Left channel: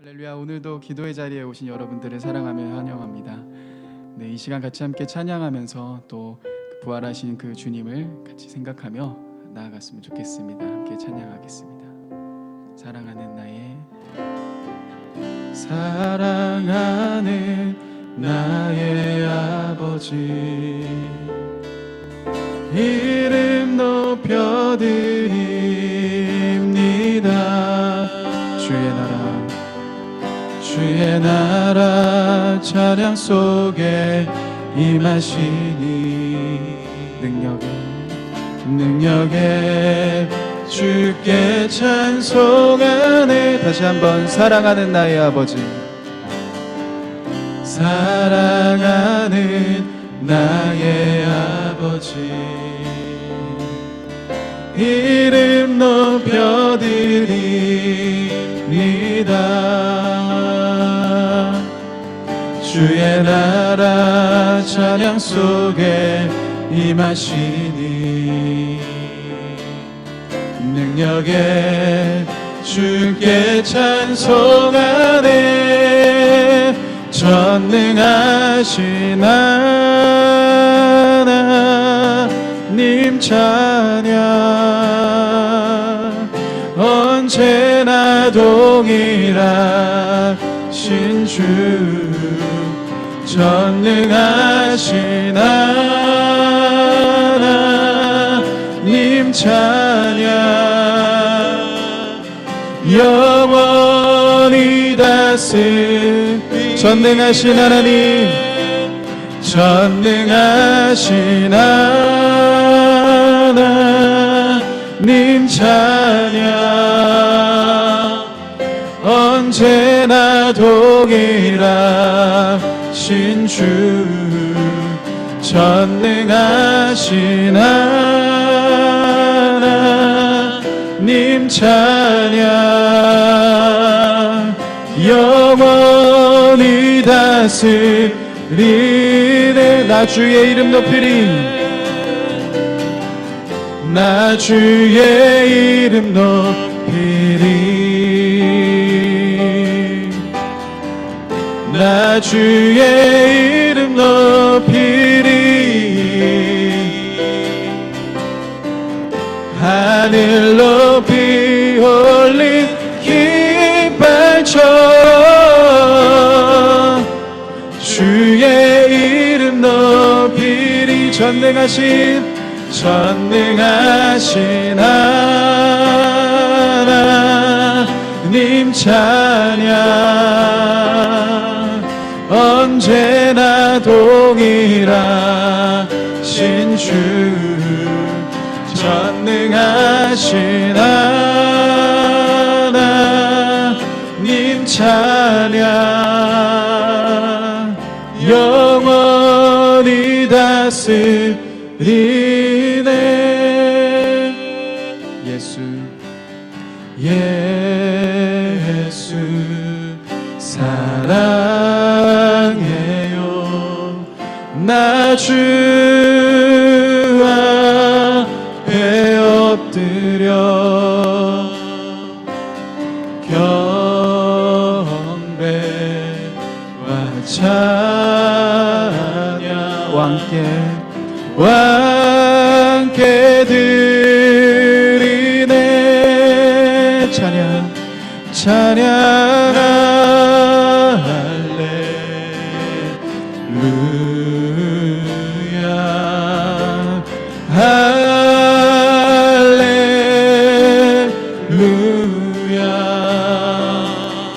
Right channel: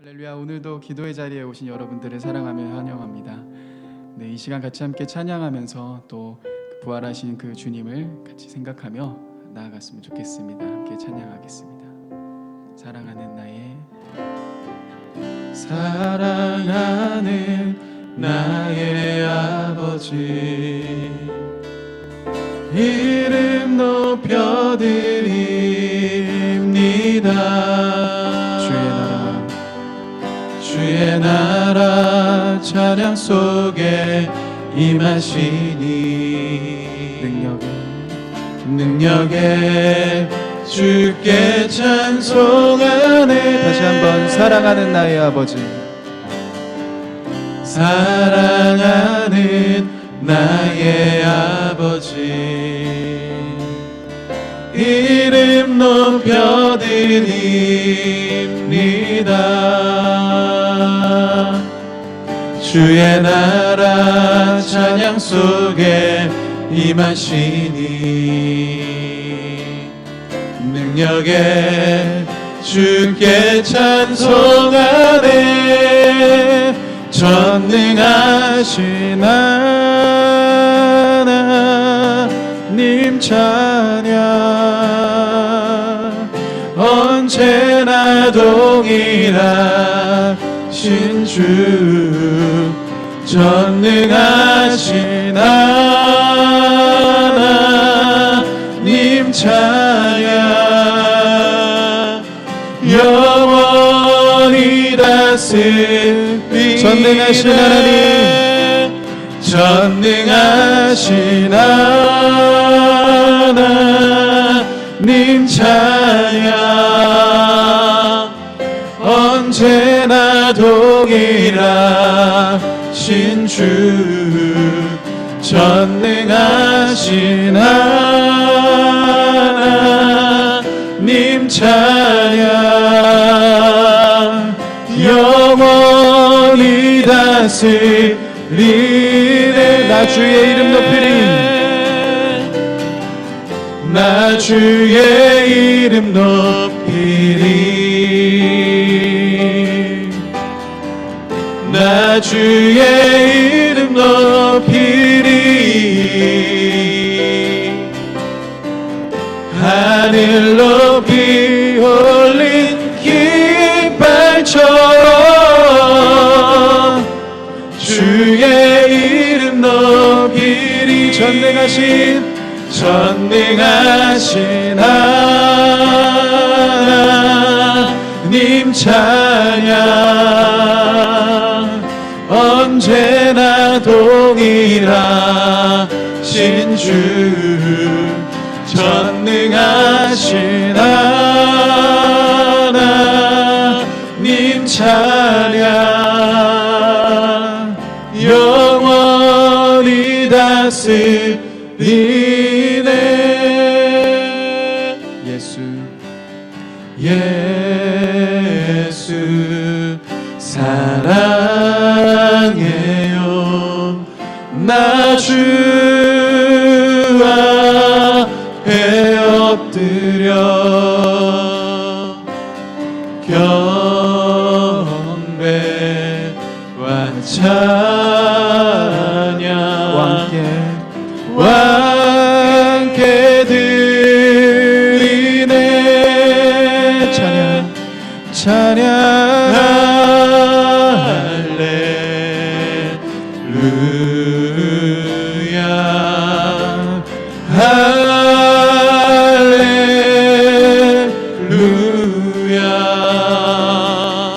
할렐루야. 오늘도 기도의 자리에 오신 여러분들을 사랑하며 환영합니다. 네, 이 시간 같이 함께 찬양하면서 또 부활하신 그 주님을 같이 생각하며 나아갔으면 좋겠습니다. 함께 찬양하겠습니다. 사랑하는 나의 아버지, 이름 높여드립니다. 주의 나라 찬양 속에 임하시니 능력에 주께 찬송하네. 다시 한번 사랑하는 나의 아버지, 사랑하는 나의 아버지, 이름 높여드립니다. 주의 나라 찬양 속에 임하시니 능력에 주께 찬송하네. 전능하신 하나님 찬양, 언제나 동일하신 주, 전능하신 하나님 찬양, 영원히 다스리 전능하신 하나님, 전능하신 하나님 찬양, 언제나 동일하신 주, 전능하신 하나님 찬양, 영원히 다스리네. 나 주의 이름 높이리, 나 주의 이름 높이리, 나 주의 이름 높이리. 하늘 높이 올린 깃발처럼 주의 이름 높이리. 전능하신 하나님 찬양, 언제나 동일하신 주, 전능하신 하나님 찬양, 영원히 다스리네. 예수 사랑해요. 나 주 앞에 엎드려 경배와 찬양, 왕께 드리네. 찬양 할렐루야,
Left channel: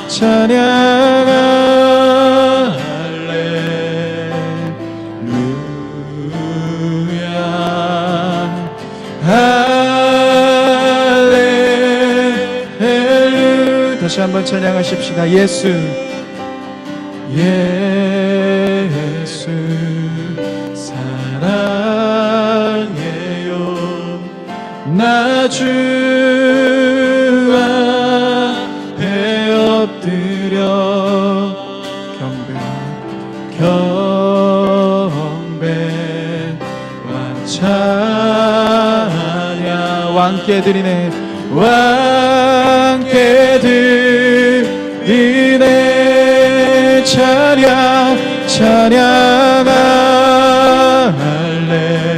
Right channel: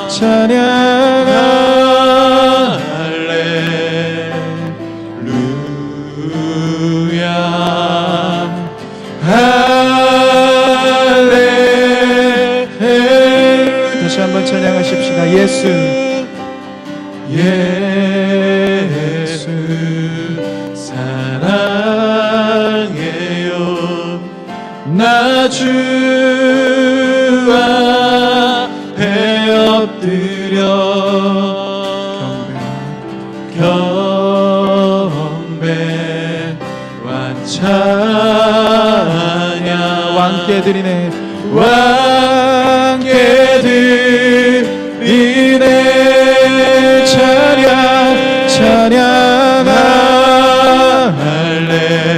찬양 할렐루야. 다시 한번 찬양하십시다. 예수 사랑해요. 나 주 앞에 엎드려 경배와 찬양, 왕께 드리네. 왕께 드리네. 찬양하 할렐루야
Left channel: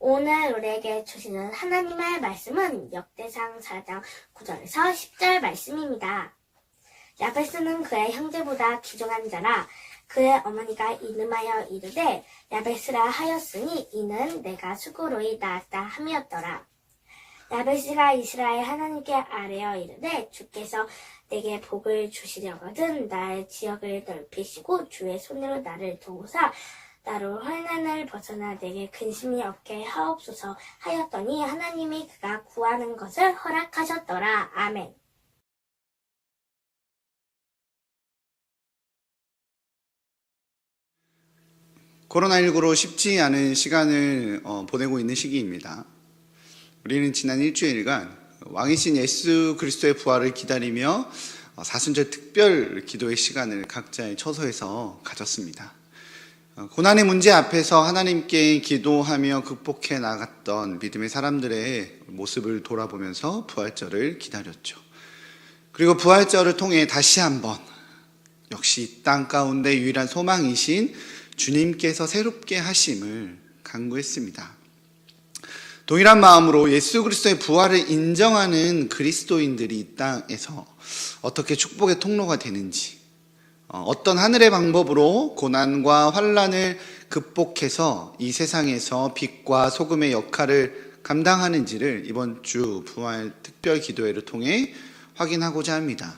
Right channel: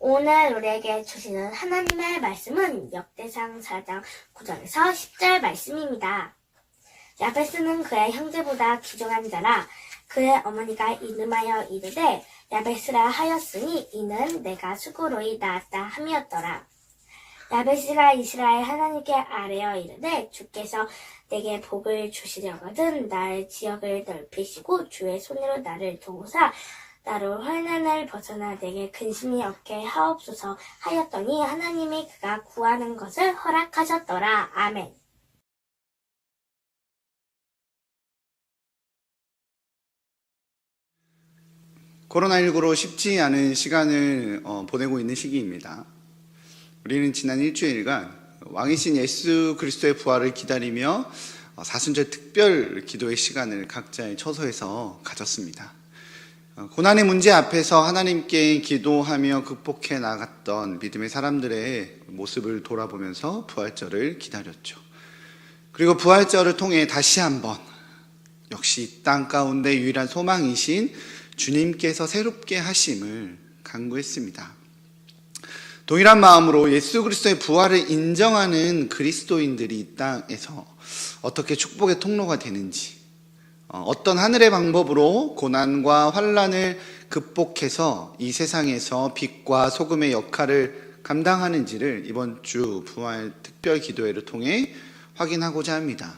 오늘 우리에게 주시는 하나님의 말씀은 역대상 4장 9절에서 10절 말씀입니다. 야베스는 그의 형제보다 귀중한 자라 그의 어머니가 이름하여 이르되 야베스라 하였으니 이는 내가 수고로이 낳았다 함이었더라. 야베스가 이스라엘 하나님께 아뢰어 이르되 주께서 내게 복을 주시려거든 나의 지역을 넓히시고 주의 손으로 나를 도우사 나로 환난을 벗어나 내게 근심이 없게 하옵소서 하였더니 하나님이 그가 구하는 것을 허락하셨더라. 아멘. 코로나19로 쉽지 않은 시간을 보내고 있는 시기입니다. 우리는 지난 일주일간 왕이신 예수 그리스도의 부활을 기다리며 사순절 특별 기도의 시간을 각자의 처소에서 가졌습니다. 고난의 문제 앞에서 하나님께 기도하며 극복해 나갔던 믿음의 사람들의 모습을 돌아보면서 부활절을 기다렸죠. 그리고 부활절을 통해 다시 한번 역시 땅 가운데 유일한 소망이신 주님께서 새롭게 하심을 간구했습니다. 동일한 마음으로 예수 그리스도의 부활을 인정하는 그리스도인들이 이 땅에서 어떻게 축복의 통로가 되는지, 어떤 하늘의 방법으로 고난과 환난을 극복해서 이 세상에서 빛과 소금의 역할을 감당하는지를 이번 주 부활 특별 기도회를 통해 확인하고자 합니다.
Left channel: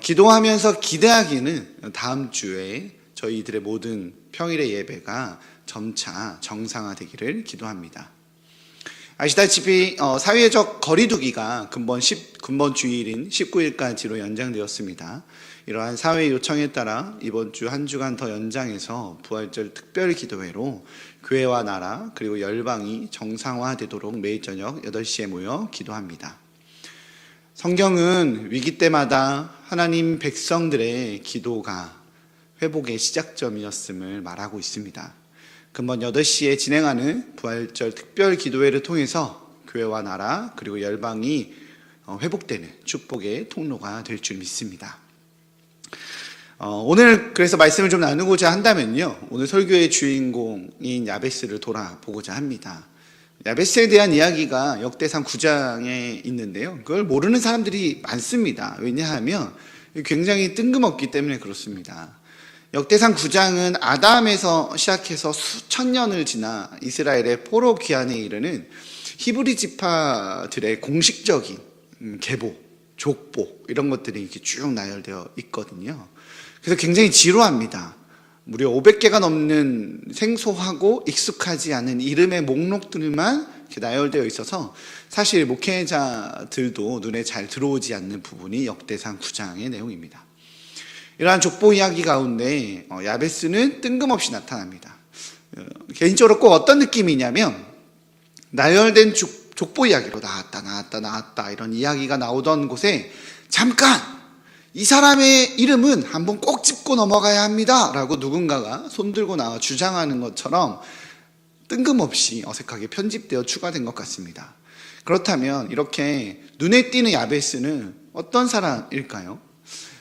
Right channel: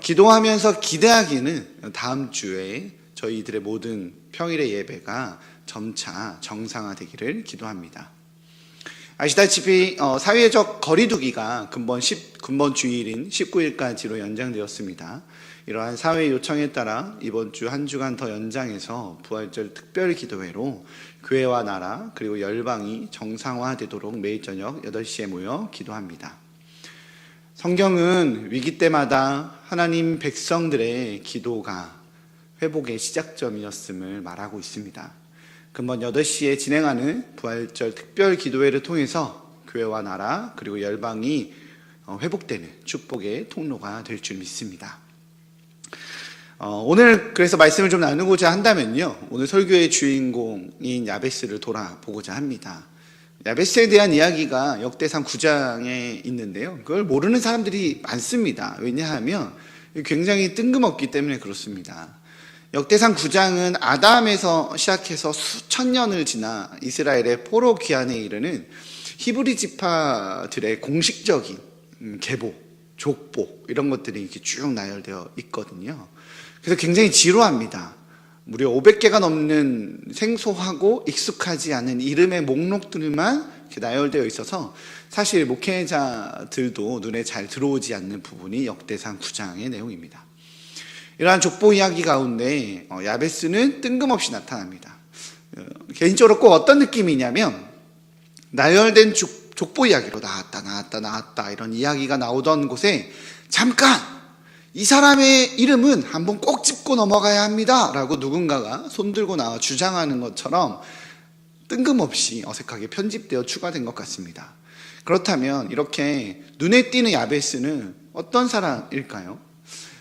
기도하면서 기대하기는 다음 주에 저희들의 모든 평일의 예배가 점차 정상화되기를 기도합니다. 아시다시피 사회적 거리두기가 근본 주일인 19일까지로 연장되었습니다. 이러한 사회 요청에 따라 이번 주 한 주간 더 연장해서 부활절 특별 기도회로 교회와 나라 그리고 열방이 정상화되도록 매일 저녁 8시에 모여 기도합니다. 성경은 위기 때마다 하나님 백성들의 기도가 회복의 시작점이었음을 말하고 있습니다. 근본 8시에 진행하는 부활절 특별 기도회를 통해서 교회와 나라 그리고 열방이 회복되는 축복의 통로가 될 줄 믿습니다. 오늘 그래서 말씀을 좀 나누고자 한다면요, 오늘 설교의 주인공인 야베스를 돌아보고자 합니다. 야베스에 대한 이야기가 역대상 9장에 있는데요, 그걸 모르는 사람들이 많습니다. 왜냐하면 굉장히 뜬금없기 때문에 그렇습니다. 역대상 9장은 아담에서 시작해서 수천 년을 지나 이스라엘의 포로 귀환에 이르는 히브리 지파들의 공식적인 계보, 족보 이런 것들이 이렇게 쭉 나열되어 있거든요. 그래서 굉장히 지루합니다. 무려 500개가 넘는 생소하고 익숙하지 않은 이름의 목록들만 이렇게 나열되어 있어서 사실 목회자들도 눈에 잘 들어오지 않는 부분이 역대상 9장의 내용입니다. 이러한 족보 이야기 가운데 야베스는 뜬금없이 나타납니다. 개인적으로 꼭 어떤 느낌이냐면 나열된 족보 이야기로 나왔다 이런 이야기가 나오던 곳에 잠깐 이 사람의 이름은 한번 꼭 짚고 넘어가야 합니다 라고 누군가가 손들고 나와 주장하는 것처럼 뜬금없이 어색하게 편집되어 추가된 것 같습니다. 그렇다면 이렇게 눈에 띄는 야베스는 어떤 사람일까요?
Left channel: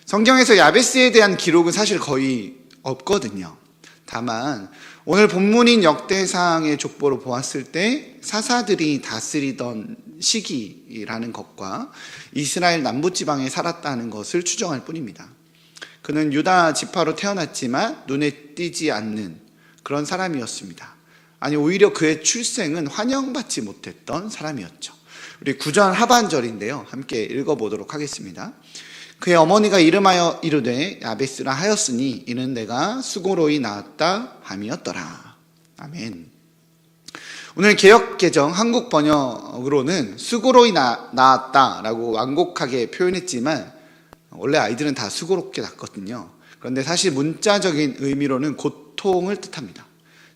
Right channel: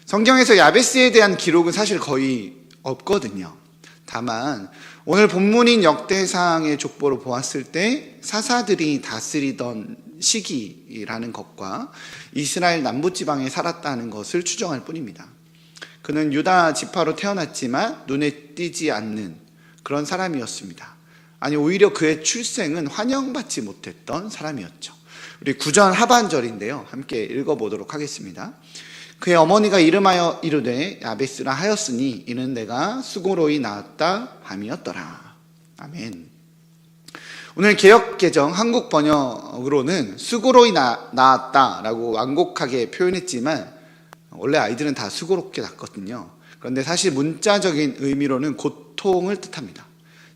성경에서 야베스에 대한 기록은 사실 거의 없거든요. 다만 오늘 본문인 역대상의 족보로 보았을 때 사사들이 다스리던 시기라는 것과 이스라엘 남부지방에 살았다는 것을 추정할 뿐입니다. 그는 유다 지파로 태어났지만 눈에 띄지 않는 그런 사람이었습니다. 아니 오히려 그의 출생은 환영받지 못했던 사람이었죠. 우리 9절 하반절인데요. 함께 읽어보도록 하겠습니다. 그의 어머니가 이름하여 이르되 야베스라 하였으니 이는 내가 수고로이 낳았다 함이었더라. 아멘. 오늘 개역개정 한국 번역으로는 수고로이 낳았다라고 완곡하게 표현했지만 원래 아이들은 다 수고롭게 낳거든요. 그런데 사실 문자적인 의미로는 고통을 뜻합니다.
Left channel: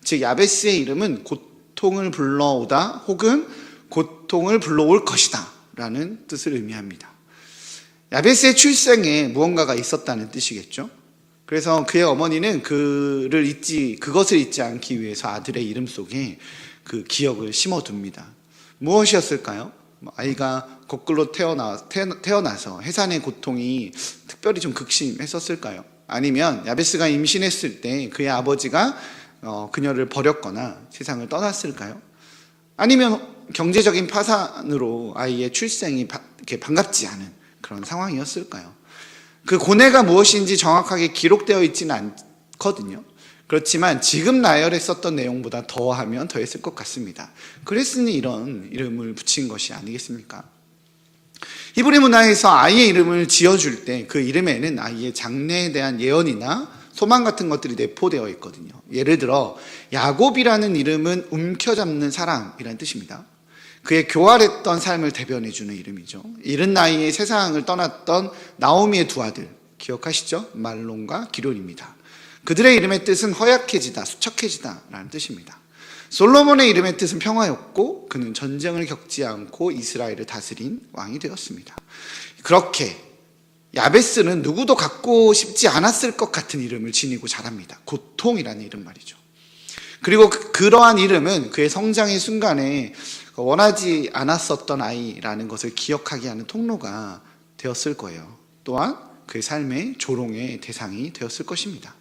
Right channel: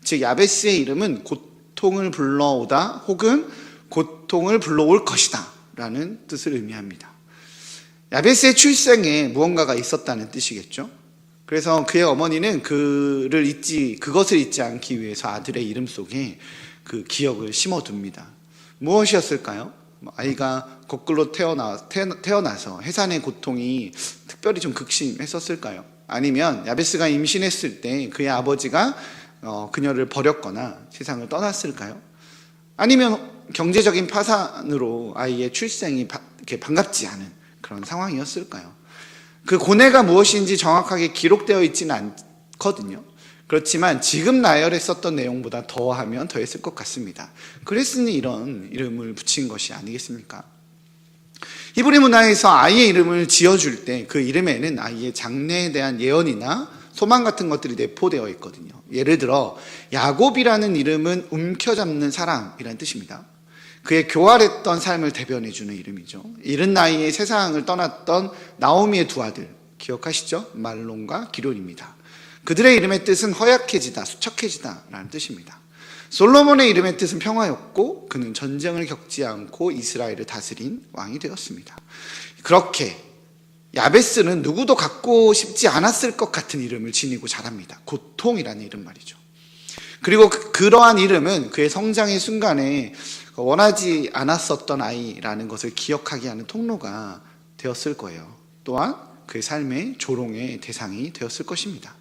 즉 야베스의 이름은 고통을 불러오다 혹은 고통을 불러올 것이다 라는 뜻을 의미합니다. 야베스의 출생에 무언가가 있었다는 뜻이겠죠. 그래서 그의 어머니는 그것을 잊지 않기 위해서 아들의 이름 속에 그 기억을 심어둡니다. 무엇이었을까요? 아이가 거꾸로 태어나서 해산의 고통이 특별히 좀 극심했었을까요? 아니면 야베스가 임신했을 때 그의 아버지가 그녀를 버렸거나 세상을 떠났을까요? 아니면 경제적인 파산으로 아이의 출생이 이렇게 반갑지 않은 그런 상황이었을까요? 그 고뇌가 무엇인지 정확하게 기록되어 있지는 않거든요. 그렇지만 지금 나열했었던 내용보다 더하면 더했을 것 같습니다. 그랬으니 이런 이름을 붙인 것이 아니겠습니까? 히브리 문화에서 아이의 이름을 지어줄 때 그 이름에는 아이의 장래에 대한 예언이나 소망 같은 것들이 내포되어 있거든요. 예를 들어 야곱이라는 이름은 움켜잡는 사람이라는 뜻입니다. 그의 교활했던 삶을 대변해주는 이름이죠. 이른 나이에 세상을 떠났던 나오미의 두 아들 기억하시죠? 말론과 기럯입니다. 그들의 이름의 뜻은 허약해지다, 수척해지다 라는 뜻입니다. 솔로몬의 이름의 뜻은 평화였고 그는 전쟁을 겪지 않고 이스라엘을 다스린 왕이 되었습니다. 그렇게 야베스는 누구도 갖고 싶지 않았을 것 같은 이름을 지니고 자랍니다. 고통이라는 이름 말이죠. 그리고 그러한 이름은 그의 성장의 순간에 원하지 않았었던 아이라는 것을 기억하게 하는 통로가 되었을 거예요. 또한 그의 삶의 조롱의 대상이 되었을 것입니다.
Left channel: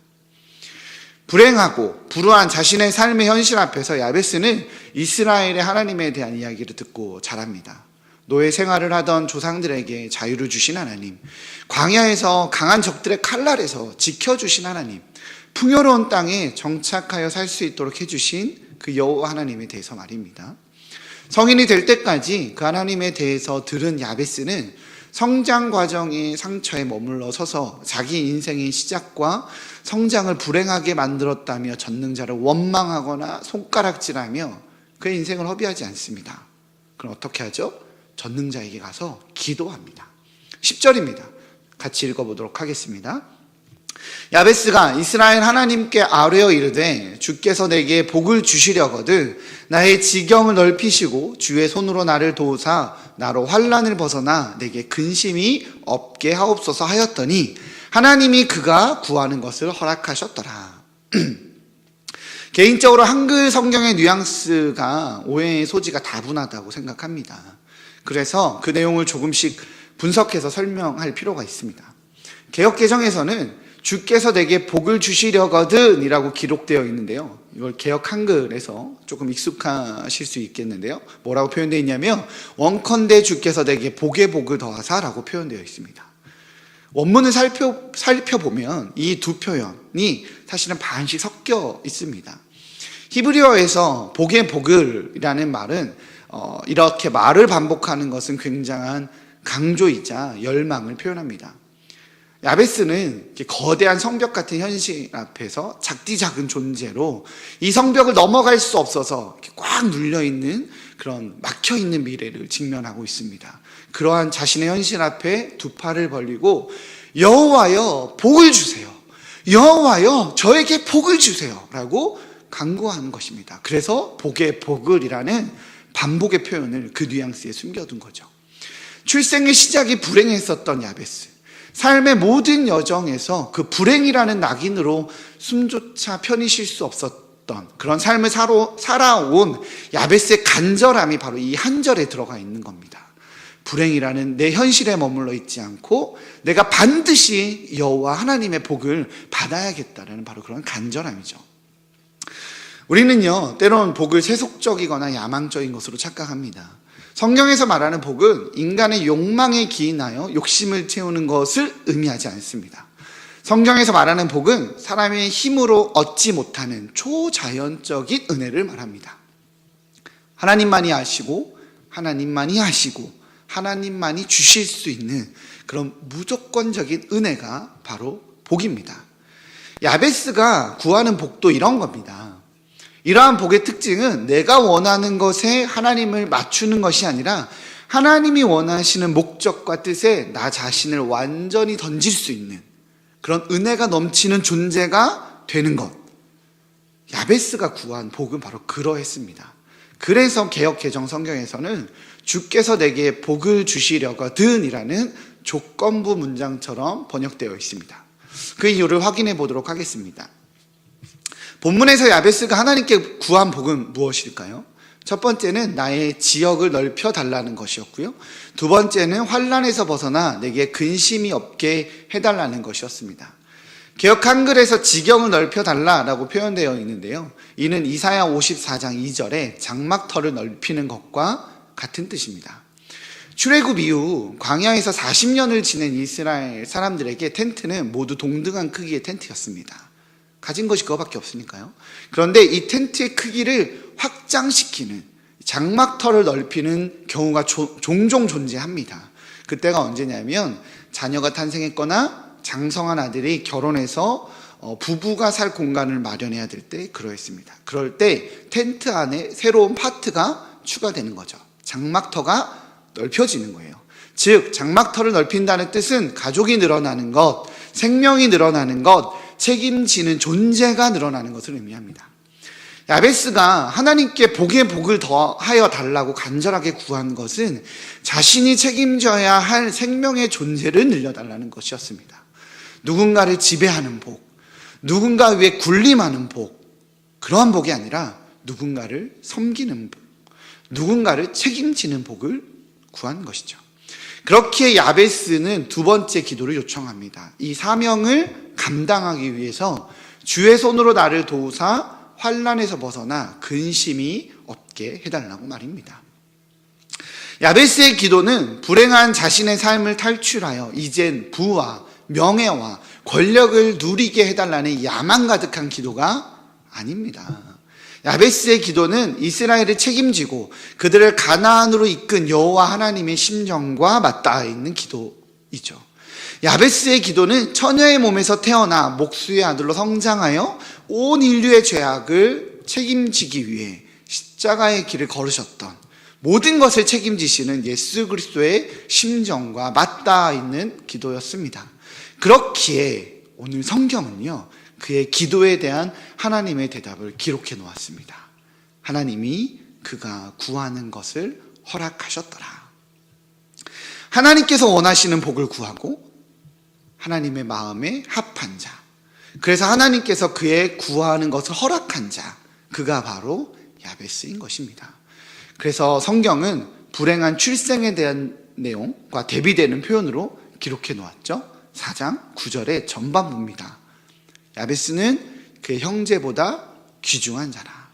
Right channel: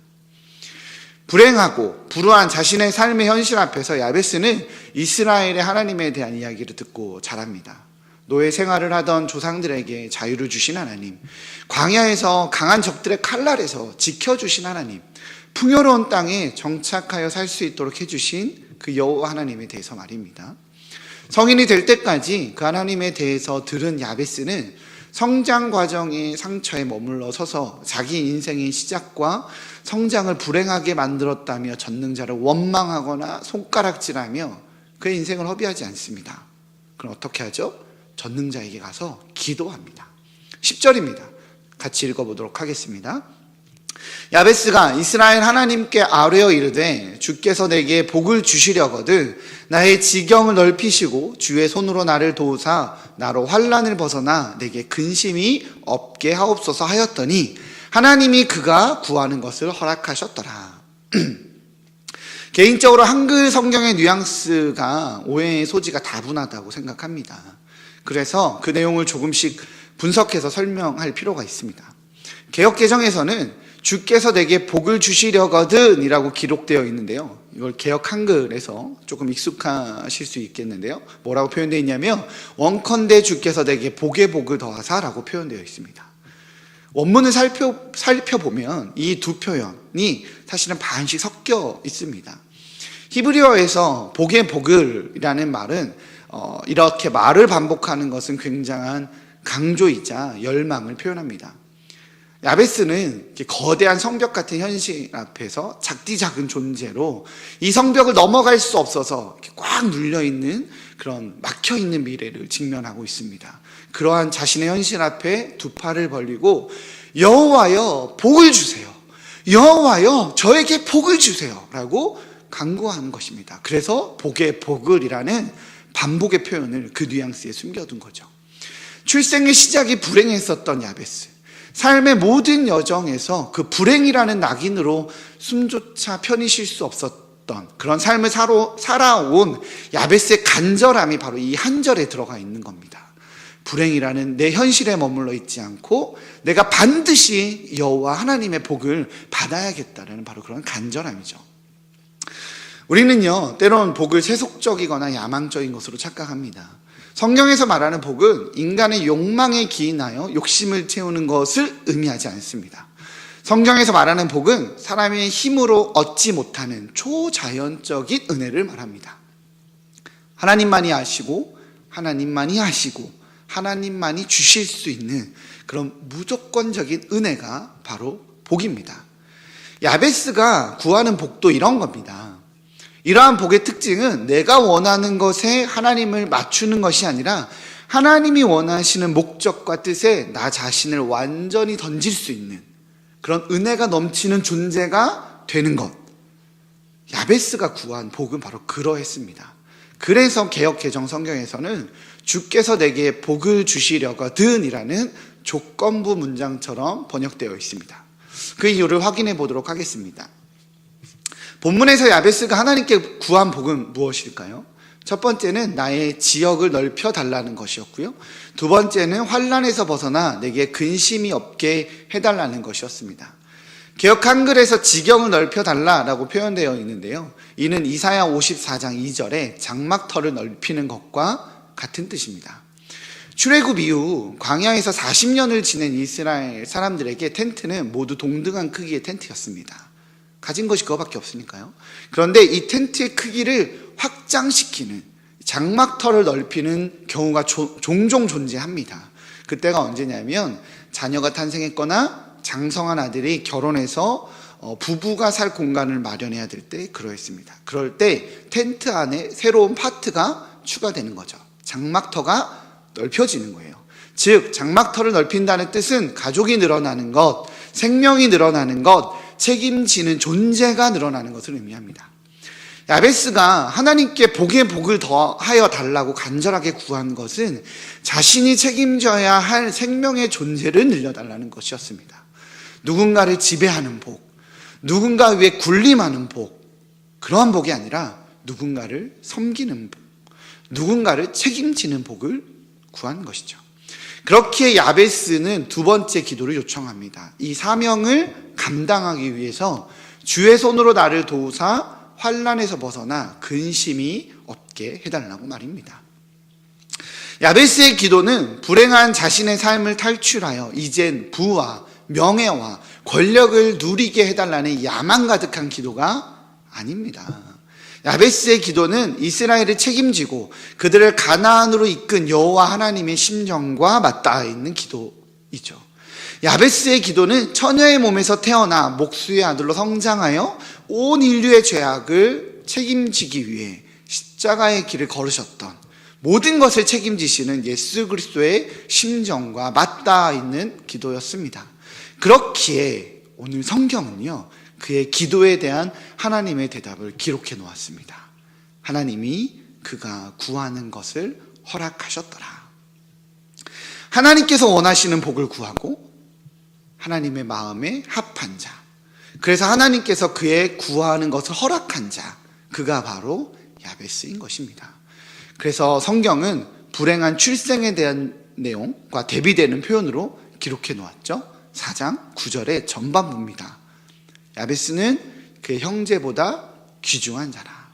불행하고 불우한 자신의 삶의 현실 앞에서 야베스는 이스라엘의 하나님에 대한 이야기를 듣고 자랍니다. 노예 생활을 하던 조상들에게 자유를 주신 하나님, 광야에서 강한 적들의 칼날에서 지켜주신 하나님, 풍요로운 땅에 정착하여 살 수 있도록 해주신 그 여호와 하나님에 대해서 말입니다. 성인이 될 때까지 그 하나님에 대해서 들은 야베스는 성장 과정의 상처에 머물러 서서 자기 인생의 시작과 성장을 불행하게 만들었다며 전능자를 원망하거나 손가락질하며 그의 인생을 허비하지 않습니다. 그럼 어떻게 하죠? 전능자에게 가서 기도합니다. 10절입니다. 같이 읽어보도록 하겠습니다. 야베스가 이스라엘 하나님께 아뢰어 이르되 주께서 내게 복을 주시려거든 나의 지경을 넓히시고 주의 손으로 나를 도우사 나로 환난을 벗어나 내게 근심이 없게 하옵소서 하였더니 하나님이 그가 구하는 것을 허락하셨더라. 개인적으로 한글 성경의 뉘앙스가 오해의 소지가 다분하다고 생각합니다. 그래서 그 내용을 조금씩 분석해서 설명할 필요가 있습니다. 개역개정에서는 주께서 내게 복을 주시려거든 이라고 기록되어 있는데요. 이걸 개역 한글에서 조금 익숙하실 수 있겠는데요. 뭐라고 표현되어 있냐면 원컨대 주께서 내게 복의 복을 더하사라고 표현되어 있습니다. 원문을 살펴보면 이 두 표현이 사실은 반씩 섞여 있습니다. 히브리어에서 복의 복을이라는 말은 이렇게 말을 반복하는 것은 굉장한 강조이자 열망을 표현합니다. 야베스는 거대한 성벽 같은 현실 앞에서 작디 작은 존재로 이 성벽을 넘어갈 수 없어서 꽉 눌려있는 그런 막혀있는 미래를 직면하고 있습니다. 그러한 자신의 현실 앞에 두 팔을 벌리고 여호와여 복을 주세요. 여호와여 저에게 복을 주세요 라고 간구하는 것입니다. 그래서 복의 복을이라는 반복의 표현을 그 뉘앙스에 숨겨둔 거죠. 출생의 시작이 불행했었던 야베스, 삶의 모든 여정에서 그 불행이라는 낙인으로 숨조차 편히 쉴 수 없었던 그런 삶을 살아온 야베스의 간절함이 바로 이 한 절에 들어가 있는 겁니다. 불행이라는 내 현실에 머물러 있지 않고 내가 반드시 여호와 하나님의 복을 받아야겠다는 바로 그런 간절함이죠. 우리는요, 때로는 복을 세속적이거나 야망적인 것으로 착각합니다. 성경에서 말하는 복은 인간의 욕망에 기인하여 욕심을 채우는 것을 의미하지 않습니다. 성경에서 말하는 복은 사람의 힘으로 얻지 못하는 초자연적인 은혜를 말합니다. 하나님만이 아시고 하나님만이 하시고 하나님만이 주실 수 있는 그런 무조건적인 은혜가 바로 복입니다. 야베스가 구하는 복도 이런 겁니다. 이러한 복의 특징은 내가 원하는 것에 하나님을 맞추는 것이 아니라 하나님이 원하시는 목적과 뜻에 나 자신을 완전히 던질 수 있는 그런 은혜가 넘치는 존재가 되는 것. 야베스가 구한 복은 바로 그러했습니다. 그래서 개역 개정 성경에서는 주께서 내게 복을 주시려거든 이라는 조건부 문장처럼 번역되어 있습니다. 그 이유를 확인해 보도록 하겠습니다. 본문에서 야베스가 하나님께 구한 복은 무엇일까요? 첫 번째는 나의 지역을 넓혀 달라는 것이었고요. 두 번째는 환난에서 벗어나 내게 근심이 없게 해달라는 것이었습니다. 개역 한글에서 지경을 넓혀 달라라고 표현되어 있는데요. 이는 이사야 54장 2절에 장막터를 넓히는 것과 같은 뜻입니다. 출애굽 이후 광야에서 40년을 지낸 이스라엘 사람들에게 텐트는 모두 동등한 크기의 텐트였습니다. 가진 것이 그거밖에 없으니까요. 그런데 이 텐트의 크기를 확장시키는 장막터를 넓히는 경우가 종종 존재합니다. 그때가 언제냐면 자녀가 탄생했거나 장성한 아들이 결혼해서 부부가 살 공간을 마련해야 될 때 그러했습니다. 그럴 때 텐트 안에 새로운 파트가 추가되는 거죠. 장막터가 넓혀지는 거예요. 즉 장막터를 넓힌다는 뜻은 가족이 늘어나는 것, 생명이 늘어나는 것, 책임지는 존재가 늘어나는 것을 의미합니다. 야베스가 하나님께 복의 복을 더하여 달라고 간절하게 구한 것은 자신이 책임져야 할 생명의 존재를 늘려달라는 것이었습니다. 누군가를 지배하는 복, 누군가 위에 군림하는 복, 그러한 복이 아니라 누군가를 섬기는 복, 누군가를 책임지는 복을 구한 것이죠. 그렇기에 야베스는 두 번째 기도를 요청합니다. 이 사명을 감당하기 위해서 주의 손으로 나를 도우사 환난에서 벗어나 근심이 없게 해달라고 말입니다. 야베스의 기도는 불행한 자신의 삶을 탈출하여 이젠 부와 명예와 권력을 누리게 해달라는 야망 가득한 기도가 아닙니다. 야베스의 기도는 이스라엘을 책임지고 그들을 가나안으로 이끈 여호와 하나님의 심정과 맞닿아 있는 기도이죠. 야베스의 기도는 처녀의 몸에서 태어나 목수의 아들로 성장하여 온 인류의 죄악을 책임지기 위해 십자가의 길을 걸으셨던 모든 것을 책임지시는 예수 그리스도의 심정과 맞닿아 있는 기도였습니다. 그렇기에 오늘 성경은요, 그의 기도에 대한 하나님의 대답을 기록해 놓았습니다. 하나님이 그가 구하는 것을 허락하셨더라. 하나님께서 원하시는 복을 구하고 하나님의 마음에 합한 자, 그래서 하나님께서 그의 구하는 것을 허락한 자, 그가 바로 야베스인 것입니다. 그래서 성경은 불행한 출생에 대한 내용과 대비되는 표현으로 기록해 놓았죠. 4장 9절의 전반부입니다. 야베스는 그의 형제보다 귀중한 자라.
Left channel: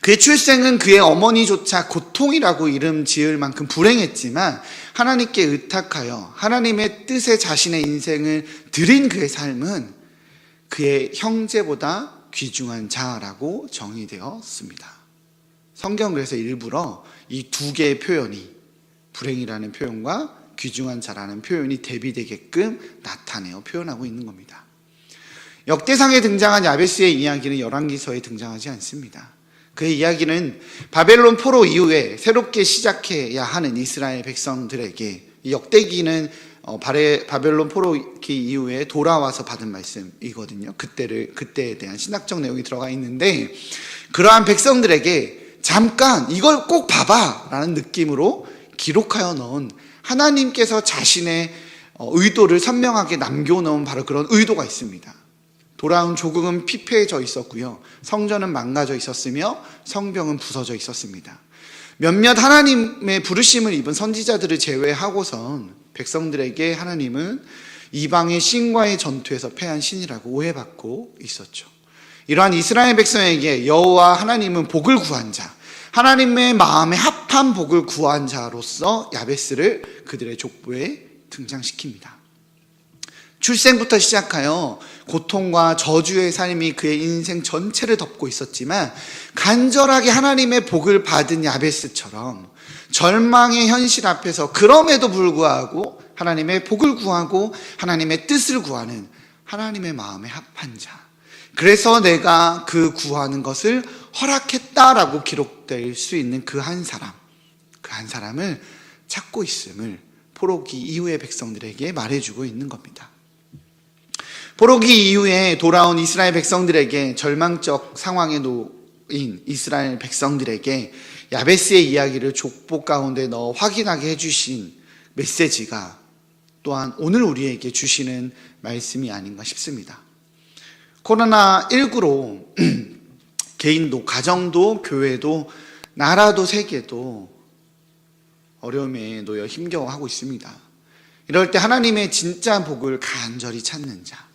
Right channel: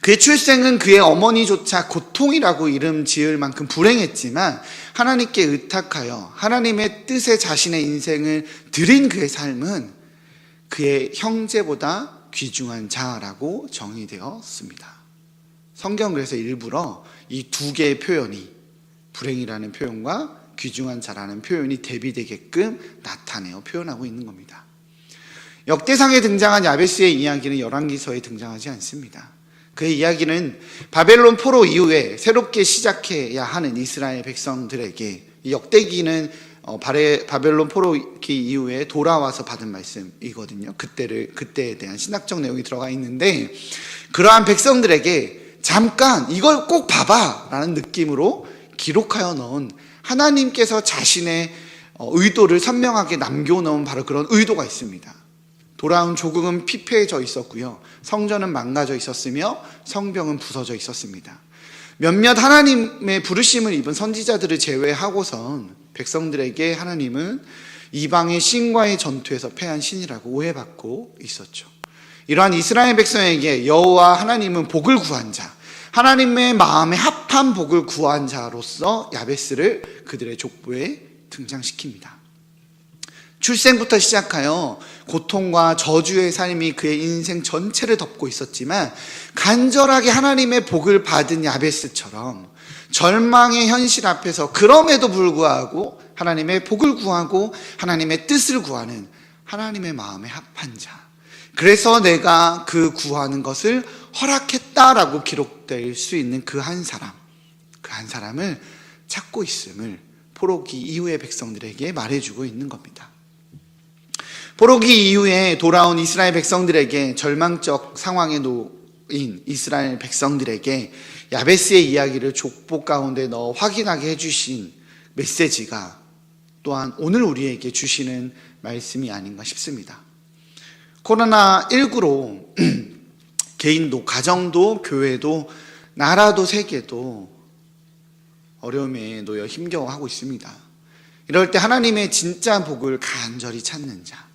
그의 출생은 그의 어머니조차 고통이라고 이름 지을 만큼 불행했지만 하나님께 의탁하여 하나님의 뜻에 자신의 인생을 드린 그의 삶은 그의 형제보다 귀중한 자라고 정의되었습니다. 성경 그래서 일부러 이 두 개의 표현이, 불행이라는 표현과 귀중한 자라는 표현이 대비되게끔 나타내어 표현하고 있는 겁니다. 역대상에 등장한 야베스의 이야기는 열왕기서에 등장하지 않습니다. 그의 이야기는 바벨론 포로 이후에 새롭게 시작해야 하는 이스라엘 백성들에게 이 역대기는 바벨론 포로기 이후에 돌아와서 받은 말씀이거든요. 그때에 대한 신학적 내용이 들어가 있는데, 그러한 백성들에게 잠깐 이걸 꼭 봐봐 라는 느낌으로 기록하여 넣은, 하나님께서 자신의 의도를 선명하게 남겨놓은 바로 그런 의도가 있습니다. 돌아온 조국은 피폐해져 있었고요, 성전은 망가져 있었으며 성벽은 부서져 있었습니다. 몇몇 하나님의 부르심을 입은 선지자들을 제외하고선 백성들에게 하나님은 이방의 신과의 전투에서 패한 신이라고 오해받고 있었죠. 이러한 이스라엘 백성에게 여호와 하나님은 복을 구한 자, 하나님의 마음에 합한 복을 구한 자로서 야베스를 그들의 족보에 등장시킵니다. 출생부터 시작하여 고통과 저주의 삶이 그의 인생 전체를 덮고 있었지만, 간절하게 하나님의 복을 받은 야베스처럼 절망의 현실 앞에서 그럼에도 불구하고 하나님의 복을 구하고 하나님의 뜻을 구하는 하나님의 마음에 합한 자, 그래서 내가 그 구하는 것을 허락했다라고 기록될 수 있는 그 한 사람을 찾고 있음을 포로기 이후의 백성들에게 말해주고 있는 겁니다. 포로기 이후에 돌아온 이스라엘 백성들에게, 절망적 상황에 놓인 이스라엘 백성들에게 야베스의 이야기를 족보 가운데 넣어 확인하게 해주신 메시지가 또한 오늘 우리에게 주시는 말씀이 아닌가 싶습니다. 코로나19로 개인도, 가정도, 교회도, 나라도, 세계도 어려움에 놓여 힘겨워하고 있습니다. 이럴 때 하나님의 진짜 복을 간절히 찾는 자,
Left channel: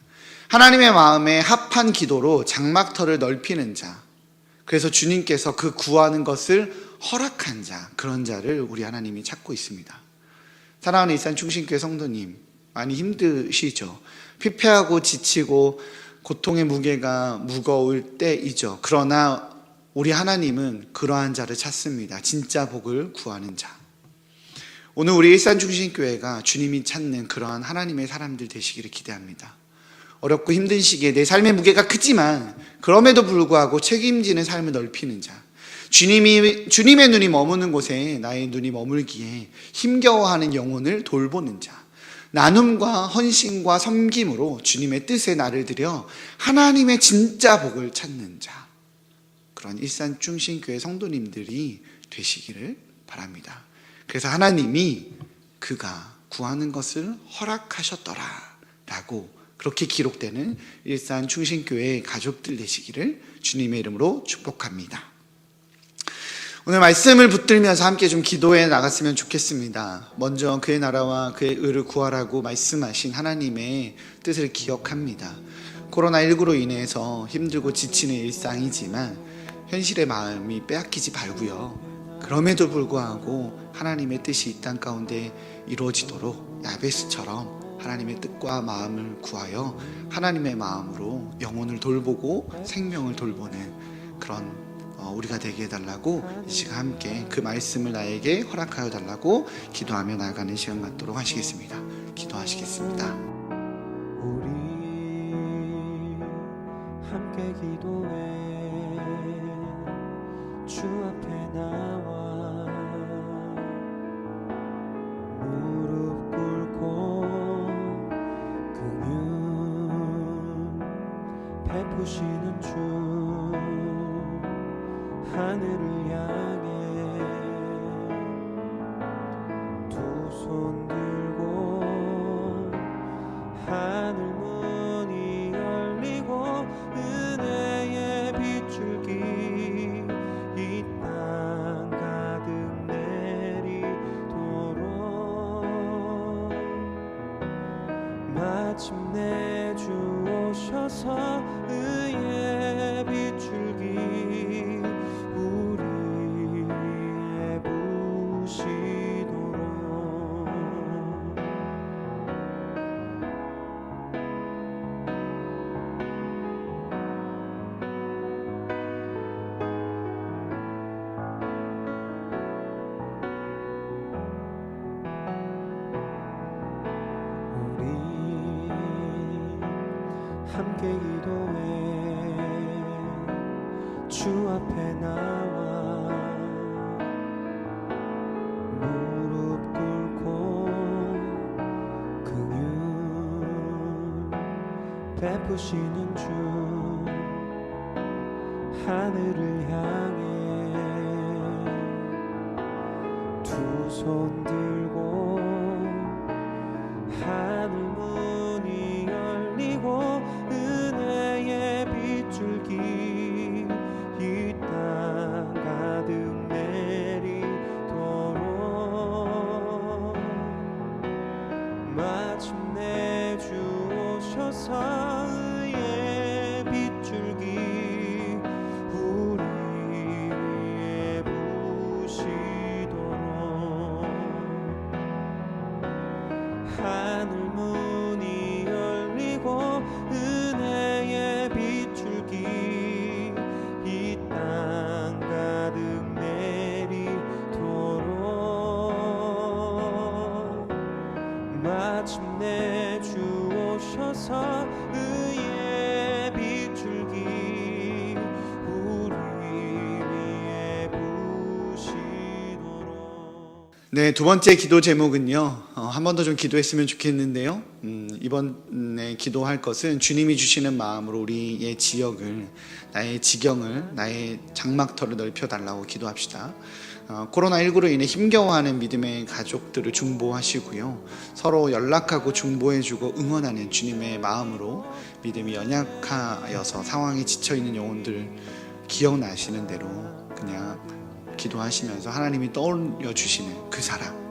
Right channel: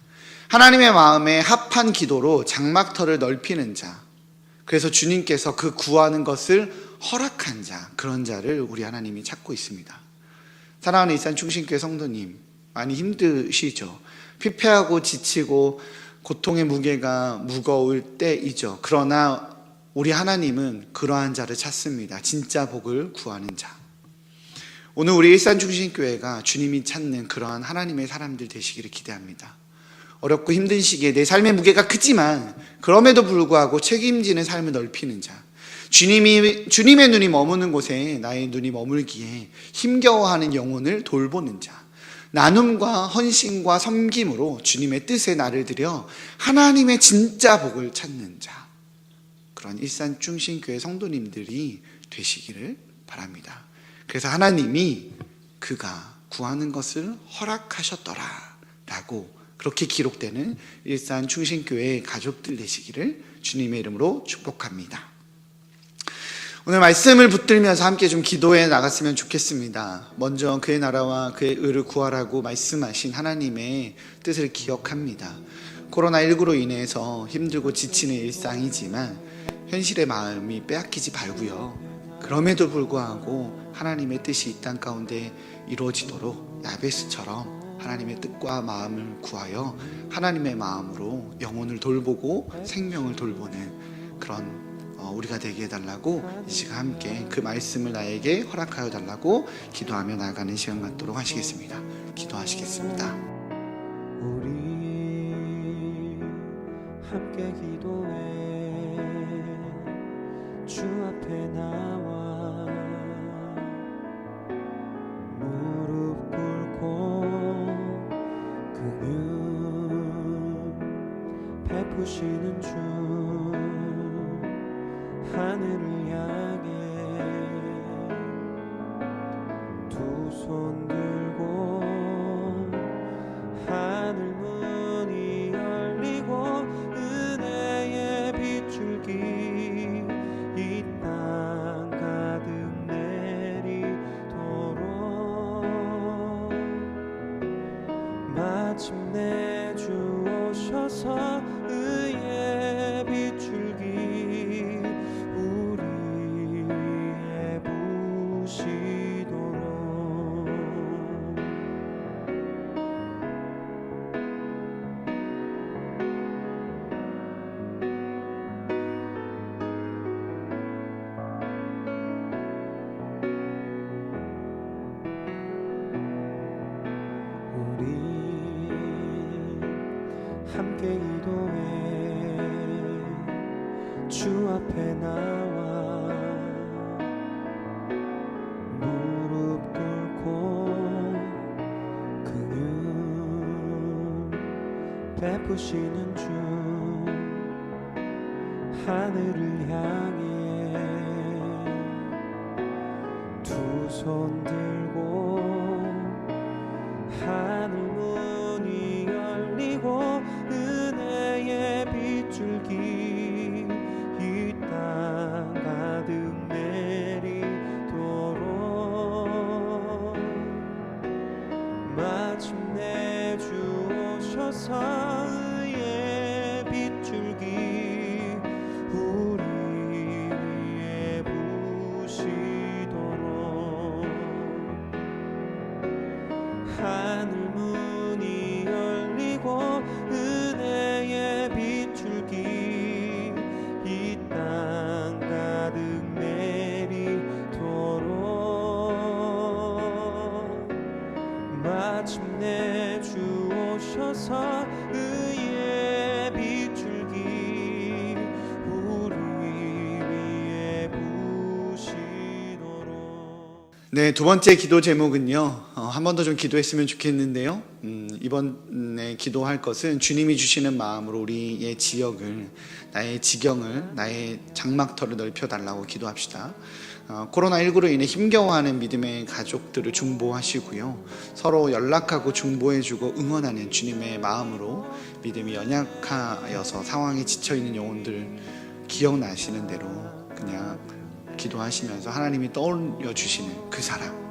하나님의 마음에 합한 기도로 장막터를 넓히는 자, 그래서 주님께서 그 구하는 것을 허락한 자, 그런 자를 우리 하나님이 찾고 있습니다. 사랑하는 일산중심교회 성도님, 많이 힘드시죠? 피폐하고 지치고 고통의 무게가 무거울 때이죠. 그러나 우리 하나님은 그러한 자를 찾습니다. 진짜 복을 구하는 자. 오늘 우리 일산중심교회가 주님이 찾는 그러한 하나님의 사람들 되시기를 기대합니다. 어렵고 힘든 시기에 내 삶의 무게가 크지만 그럼에도 불구하고 책임지는 삶을 넓히는 자, 주님의 눈이 머무는 곳에 나의 눈이 머물기에 힘겨워하는 영혼을 돌보는 자, 나눔과 헌신과 섬김으로 주님의 뜻에 나를 들여 하나님의 진짜 복을 찾는 자, 그런 일산중심교회 성도님들이 되시기를 바랍니다. 그래서 하나님이 그가 구하는 것을 허락하셨더라 라고 그렇게 기록되는 일산중심교회 가족들 되시기를 주님의 이름으로 축복합니다. 오늘 말씀을 붙들면서 함께 좀 기도해 나갔으면 좋겠습니다. 먼저 그의 나라와 그의 의를 구하라고 말씀하신 하나님의 뜻을 기억합니다. 코로나19로 인해서 힘들고 지치는 일상이지만 현실의 마음이 빼앗기지 말고요, 그럼에도 불구하고 하나님의 뜻이 이 땅 가운데 이루어지도록 야베스처럼 하나님의 뜻과 마음을 구하여 하나님의 마음으로 영혼을 돌보고 생명을 돌보는 그런 우리가 되게 해달라고 이 시간 함께 그 말씀을 나에게 허락하여 달라고 기도하며 나아가는 시간 갖도록 하시겠습니다. 기도하시겠습니다. 우리 함께 기도해 주 앞에 나와 무릎 꿇고 긍휼 베푸시는 주, 하늘을 향해 두 손 들고 하늘 문이 열리고 은혜의 빗줄기 이 땅 가득 내리도록 마침내 주 오셔서 의의 빗줄기 우리 위에 부시도록 우리 함께 기도해 주 앞에 나와 무릎 꿇고 베푸시는 주 하늘을 향해 두 손 들고 하늘 문이 열리고 은혜의 빗줄기 이 땅 가득 내리도록 마침내 주 오셔서 의의 빗줄기 우리 위에 부시도록 하늘 문이 열리고 은혜의 빗줄기 이 땅 가득 내리도록 마침내 주 오셔서 의의 빗줄기 우리 위에 부시도록. 네, 두 번째 기도 제목은요. 한 번 더 좀 기도했으면 좋겠는데요. 이번에 기도할 것은 주님이 주시는 마음으로 우리의 지역을, 나의 지경을, 나의 장막터를 넓혀달라고 기도합시다. 코로나19로 인해 힘겨워하는 믿음의 가족들을 중보하시고요. 서로 연락하고 중보해주고 응원하는 주님의 마음으로 믿음이 연약하여서 상황에 지쳐있는 영혼들 기억나시는 대로 그냥 기도하시면서 하나님이 떠올려 주시는 그 사람,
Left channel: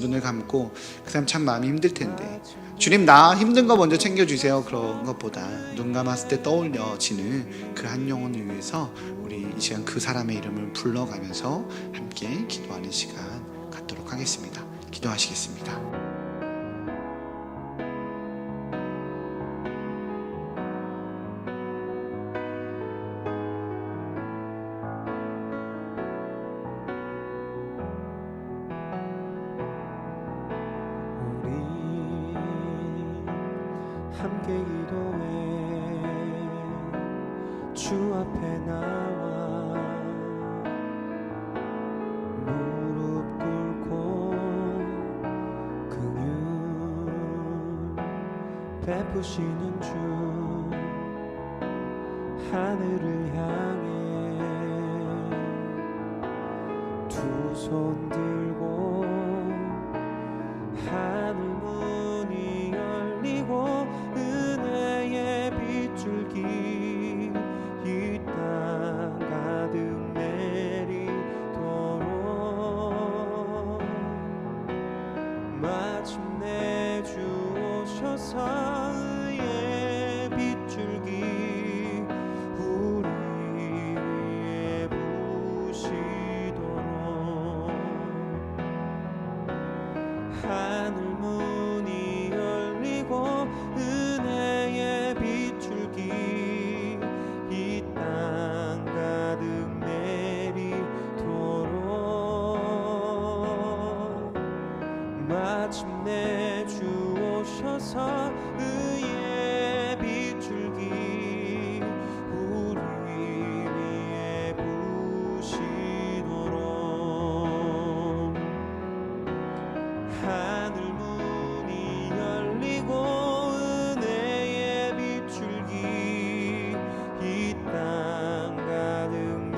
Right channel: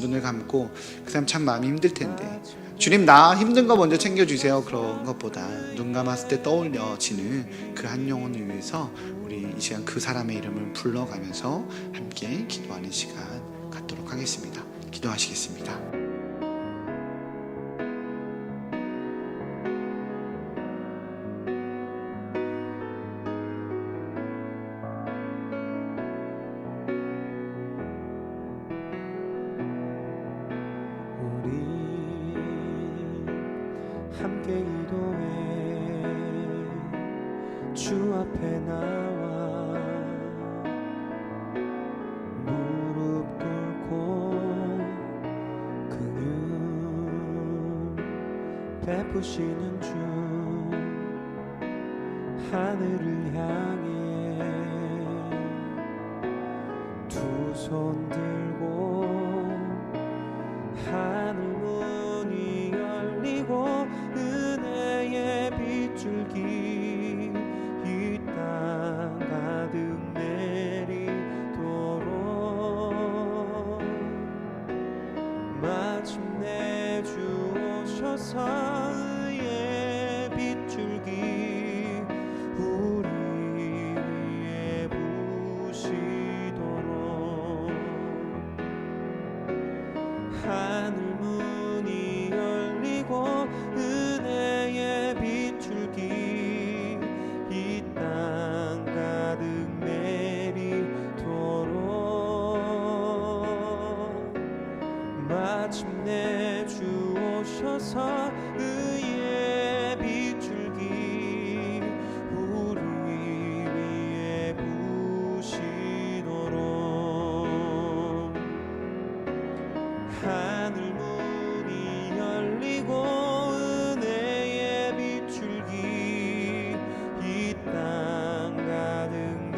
눈을 감고 그 사람 참 마음이 힘들 텐데 주님 나 힘든 거 먼저 챙겨주세요. 그런 것보다 눈 감았을 때 떠올려지는 그 한 영혼을 위해서 우리 이 시간 그 사람의 이름을 불러가면서 함께 기도하는 시간 갖도록 하겠습니다. 기도하시겠습니다. 우리 함께 기도해 주 앞에 나와 무릎 꿇고 긍휼 베푸시는 주 하늘을 향해 두 손 들고 하늘 문이 열리고 은혜의 빗줄기 이 땅 가득 내리도록 마침내 주 오셔서 의의 빗줄기 우리 위에 부시도록 하늘 문이 열리고 은혜의 빗줄기 이 땅 가득 내리도록 마침내 주 오셔서 의의 빗줄기 우리 위에 부시도록 하늘 문이 열리고 은혜의 빗줄기 이 땅 가득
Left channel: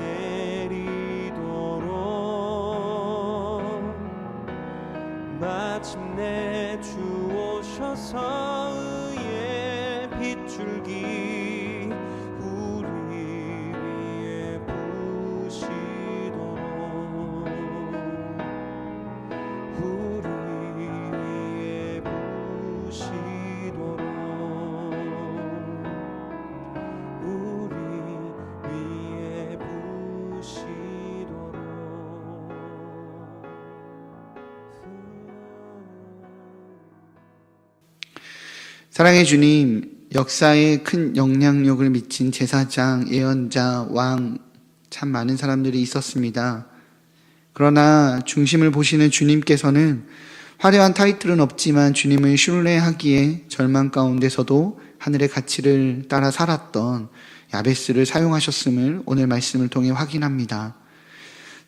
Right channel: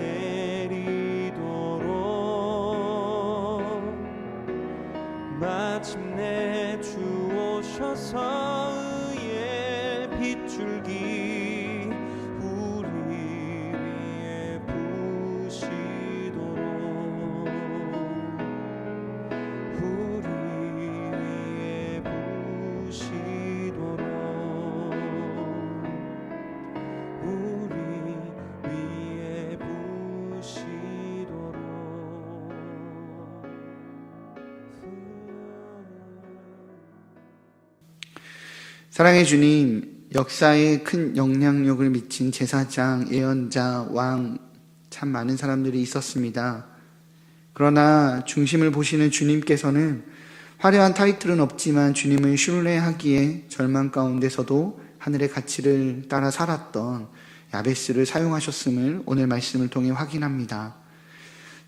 내리도록 마침내 주 오셔서 의의 빗줄기 우리 위에 부시도록 우리 위에 부시도록 우리 위에 부시도록 사랑의 주님, 역사에 큰 영향력을 미친 제사장, 예언자, 왕, 참 많은 사람들이 있었습니다. 그러나 중심을 보시는 주님께서는 화려한 타이틀은 없지만 주님을 신뢰하기에 절망 가운데서도 하늘의 가치를 따라 살았던 야베스를 사용하셨음을 오늘 말씀을 통해 확인합니다.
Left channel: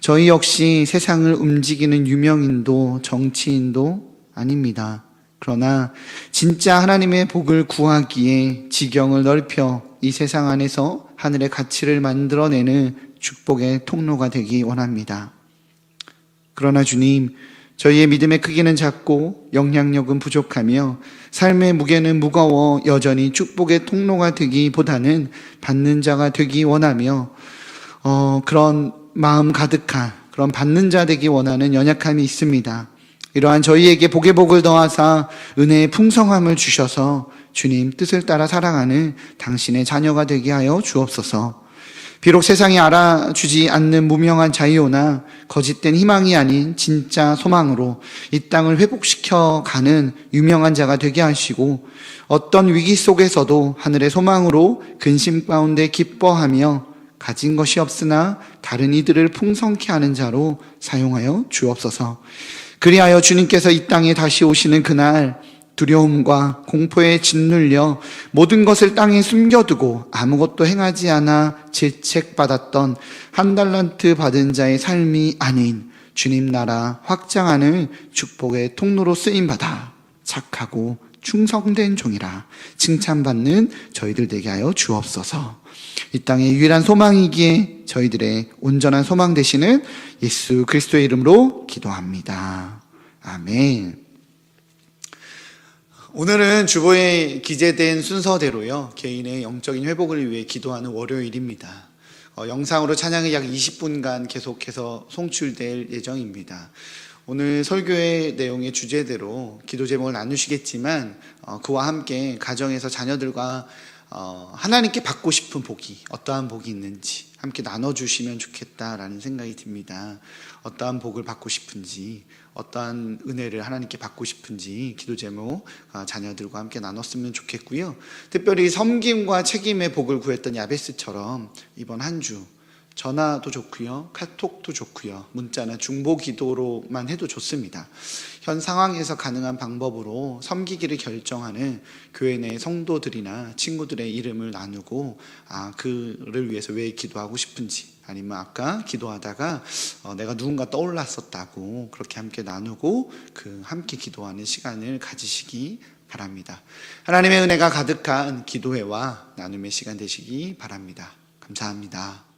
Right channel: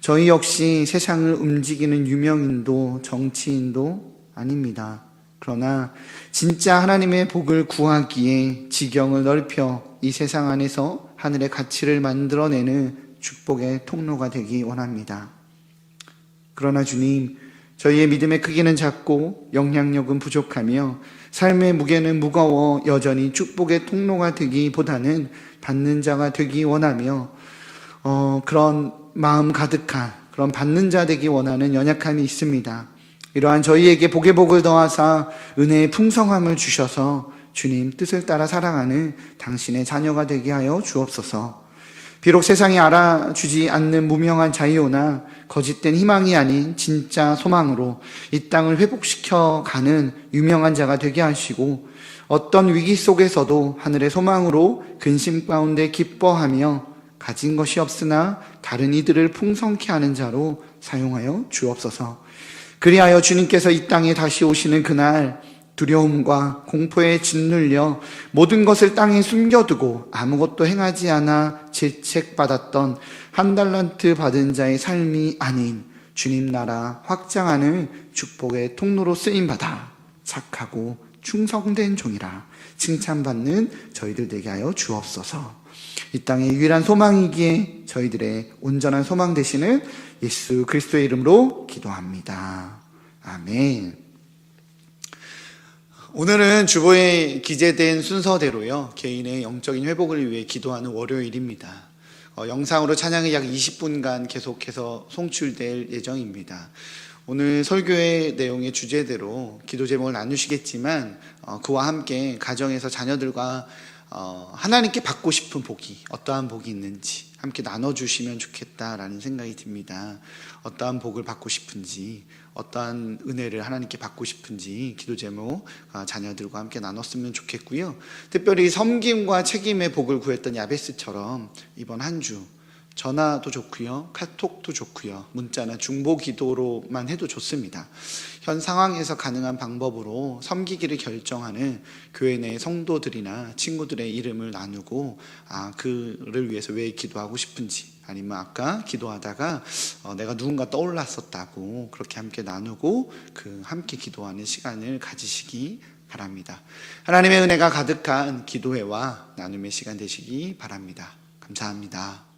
저희 역시 세상을 움직이는 유명인도 정치인도 아닙니다. 그러나 진짜 하나님의 복을 구하기에 지경을 넓혀 이 세상 안에서 하늘의 가치를 만들어내는 축복의 통로가 되기 원합니다. 그러나 주님, 저희의 믿음의 크기는 작고 영향력은 부족하며 삶의 무게는 무거워 여전히 축복의 통로가 되기보다는 받는 자가 되기 원하며 그런 마음 가득한 그런 받는 자 되기 원하는 연약함이 있습니다. 이러한 저희에게 복의 복을 더하사 은혜의 풍성함을 주셔서 주님 뜻을 따라 살아가는 당신의 자녀가 되게 하여 주옵소서. 비록 세상이 알아주지 않는 무명한 자유나 거짓된 희망이 아닌 진짜 소망으로 이 땅을 회복시켜 가는 유명한 자가 되게 하시고 어떤 위기 속에서도 하늘의 소망으로 근심 가운데 기뻐하며 가진 것이 없으나 다른 이들을 풍성케 하는 자로 사용하여 주옵소서. 그리하여 주님께서 이 땅에 다시 오시는 그날 두려움과 공포에 짓눌려 모든 것을 땅에 숨겨두고 아무것도 행하지 않아 질책받았던 한 달란트 받은 자의 삶이 아닌 주님 나라 확장하는 축복의 통로로 쓰임받아 착하고 충성된 종이라 칭찬받는 저희들 되게 하여 주옵소서. 이 땅의 유일한 소망이기에 저희들의 온전한 소망 되시는 예수 그리스도의 이름으로 기도합니다. 아멘. 오늘은 주보에 기재된 순서대로요, 개인의 영적인 회복을 위해 기도하는 월요일입니다. 영상으로 찬양이 약 20분간 계속해서 송출될 예정입니다. 오늘 설교의 내용의 주제대로 기도 제목을 나누시겠지만 그와 함께 가정에서 자녀들과 하나님께 받고 싶은 복이 어떠한 복이 있는지 함께 나눠주시면 좋겠다라는 생각이 듭니다. 어떠한 복을 받고 싶은지, 어떠한 은혜를 하나님께 받고 싶은지 기도 제목 자녀들과 함께 나눴으면 좋겠고요. 특별히 섬김과 책임의 복을 구했던 야베스처럼 이번 한 주 전화도 좋고요, 카톡도 좋고요, 문자나 중보 기도로만 해도 좋습니다. 현 상황에서 가능한 방법으로 섬기기를 결정하는 교회 내 성도들이나 친구들의 이름을 나누고 그를 위해서 왜 기도하고 싶은지, 아니면 아까 기도하다가 내가 누군가 떠올랐었다고 그렇게 함께 나누고 함께 기도하는 시간을 가지시기 바랍니다. 하나님의 은혜가 가득한 기도회와 나눔의 시간 되시기 바랍니다. 감사합니다.